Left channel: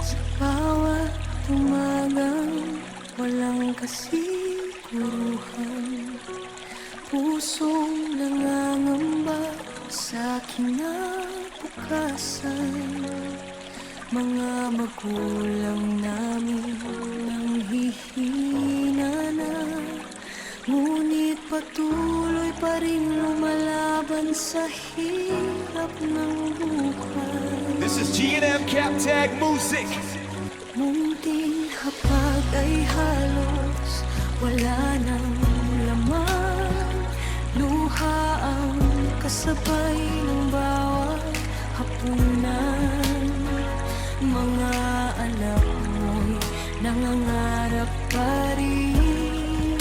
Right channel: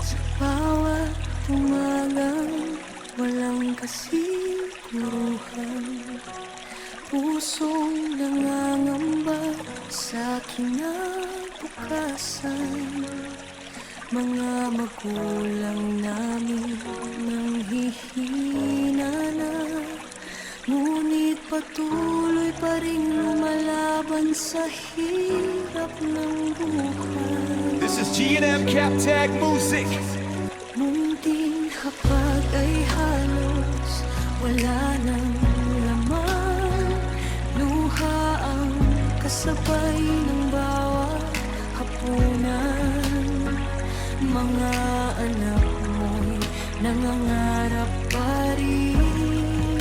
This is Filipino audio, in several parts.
Sa bawat umagang walang kasiguruhan, pusong nangangamba sa kinabukasan. Mga magulang namin nanghihina na, ngunit patuloy pa rin lumalaban sa hirap ng buhay. This is G&M Cap Tag Music. Munting hapag ay halos wala nang laman, luha ang kasabay ng bawat hapunan. Mga anak mo'y nangangarap pa rin,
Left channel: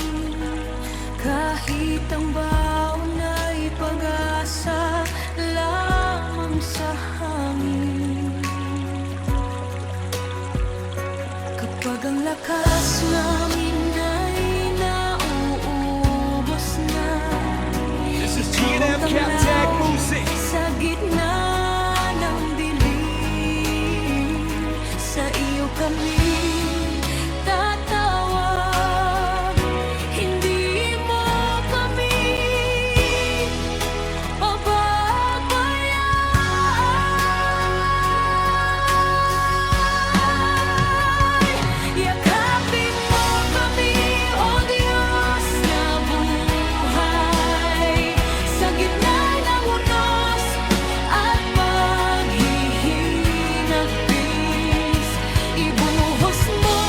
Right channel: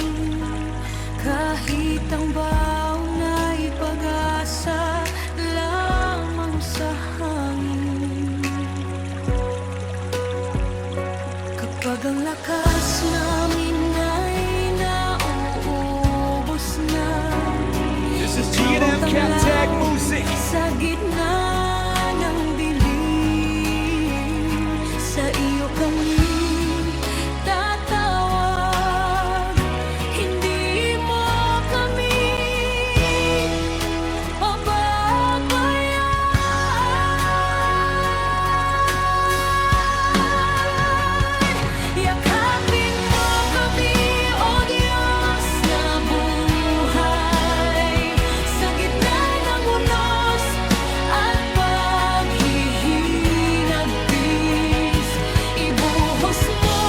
kahit ang baon ay pag-asa lamang sa hangin. Kapag ang lakas namin ay nauubos na, This is G&M Cap Tag Music. sa gitna ng dilim, sa iyo kami tatawag. Hindi mo kami pababayaan. Yakapin mo kami, O Diyos na buhay, sa gitna ng unos at paghihinagpis. Ibuhos mo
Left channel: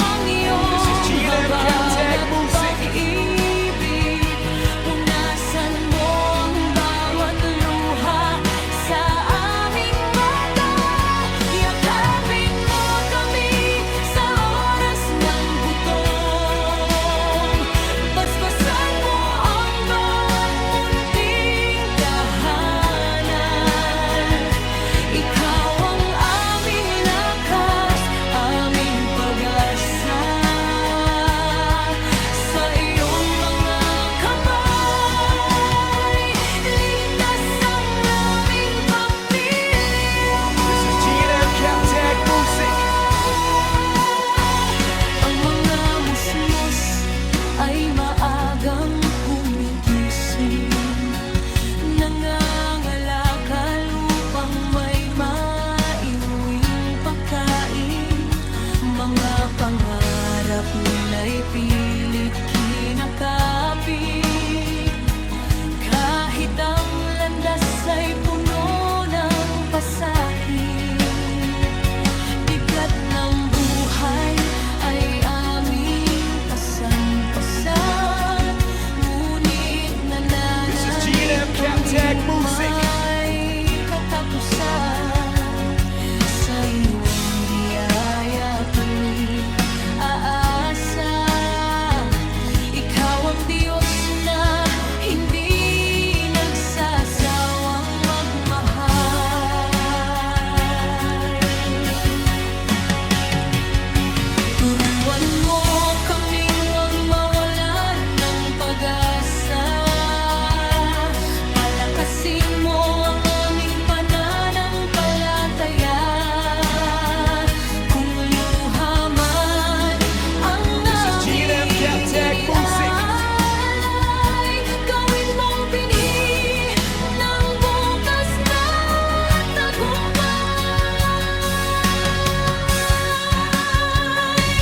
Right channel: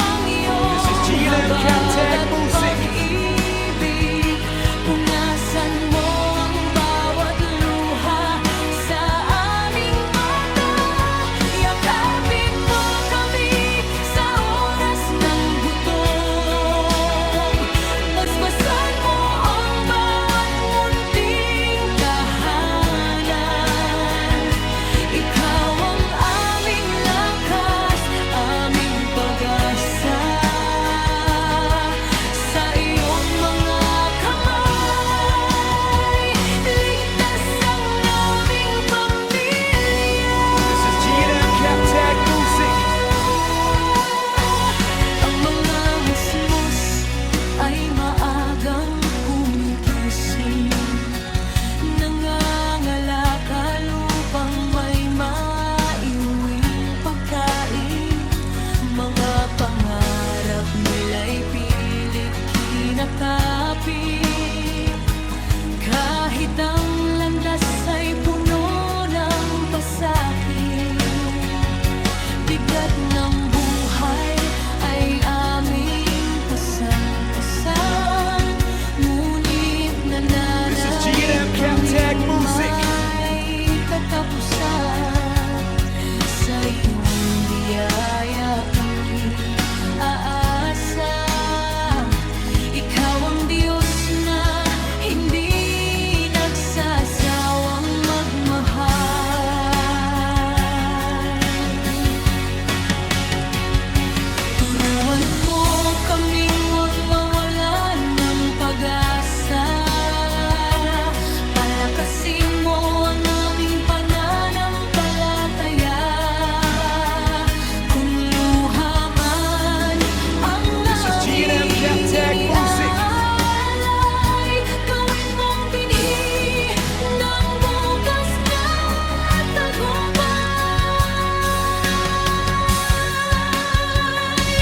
ang iyong This is G&M Cap Tag habag at Music. pag-ibig. Punasan mo ang bawat luha sa aming mata. Yakapin mo kami sa oras ng gutom. Basbasan mo ang bawat munting tahanan. Ikaw ang aming lakas, aming pag-asa. Sa iyong mga kamay, ligtas ang aming pamilya. This is G&M Cap Tag Music. Ang mga musmos ay maagang gumigising, nangangalakal upang may maiuwing pagkain. Mga pangarap nila'y pilit kinakapit, kahit ang landas ay puno ng pasakit. Bigat ng buhay ay aming pasan-pasan, ngunit This is nananalig G&M Cap Tag kaming Music. may katapusan. Sa iyong biyaya kami aasa. Ikaw ang Diyos na hindi nagsasawang magmahal. Turuan mo kaming huwag mawalan ng pag-asa. Palakasin mo ang aming pananampalataya. Kung luha man ang This is G&M Cap Tag Music. alay, gawin mong binhi ng bukas na tagumpay.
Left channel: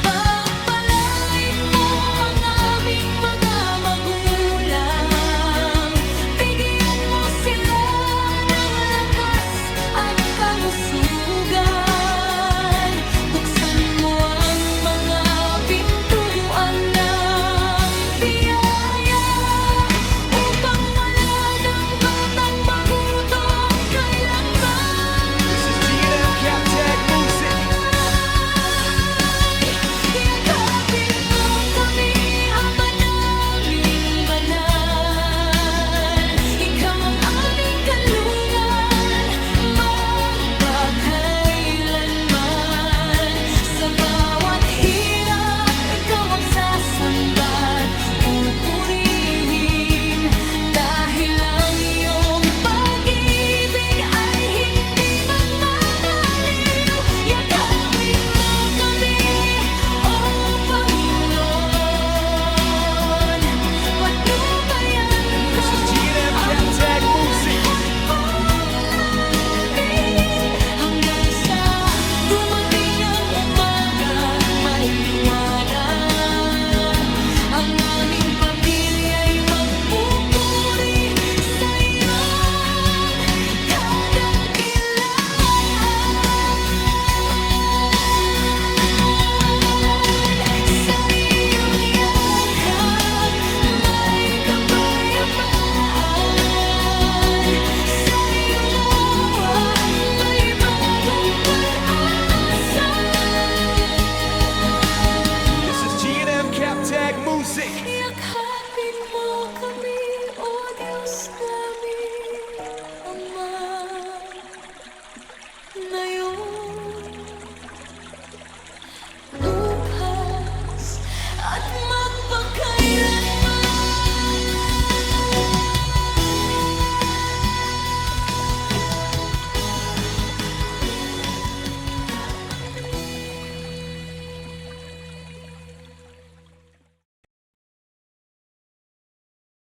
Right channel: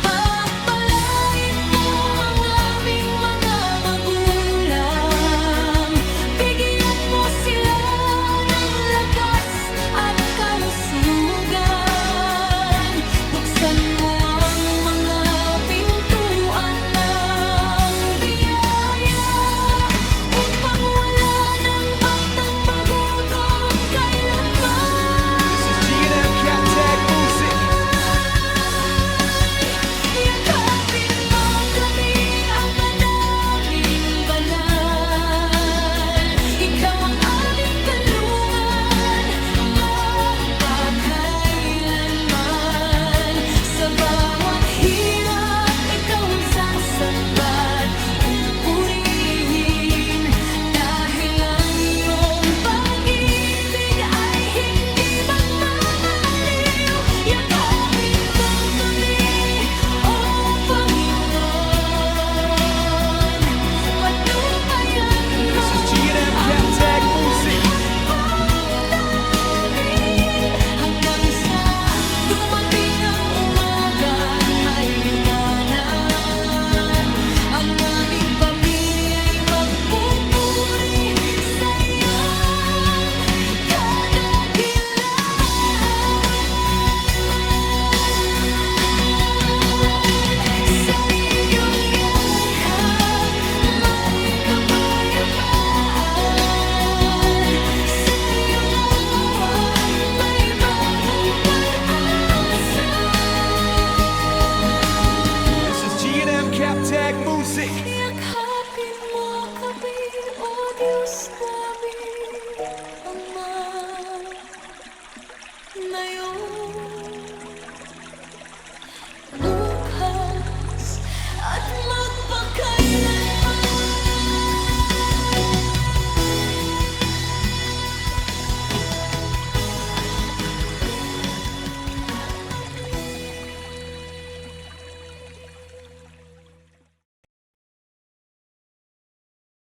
Pagpalain mo ang aming mga magulang, bigyan mo sila ko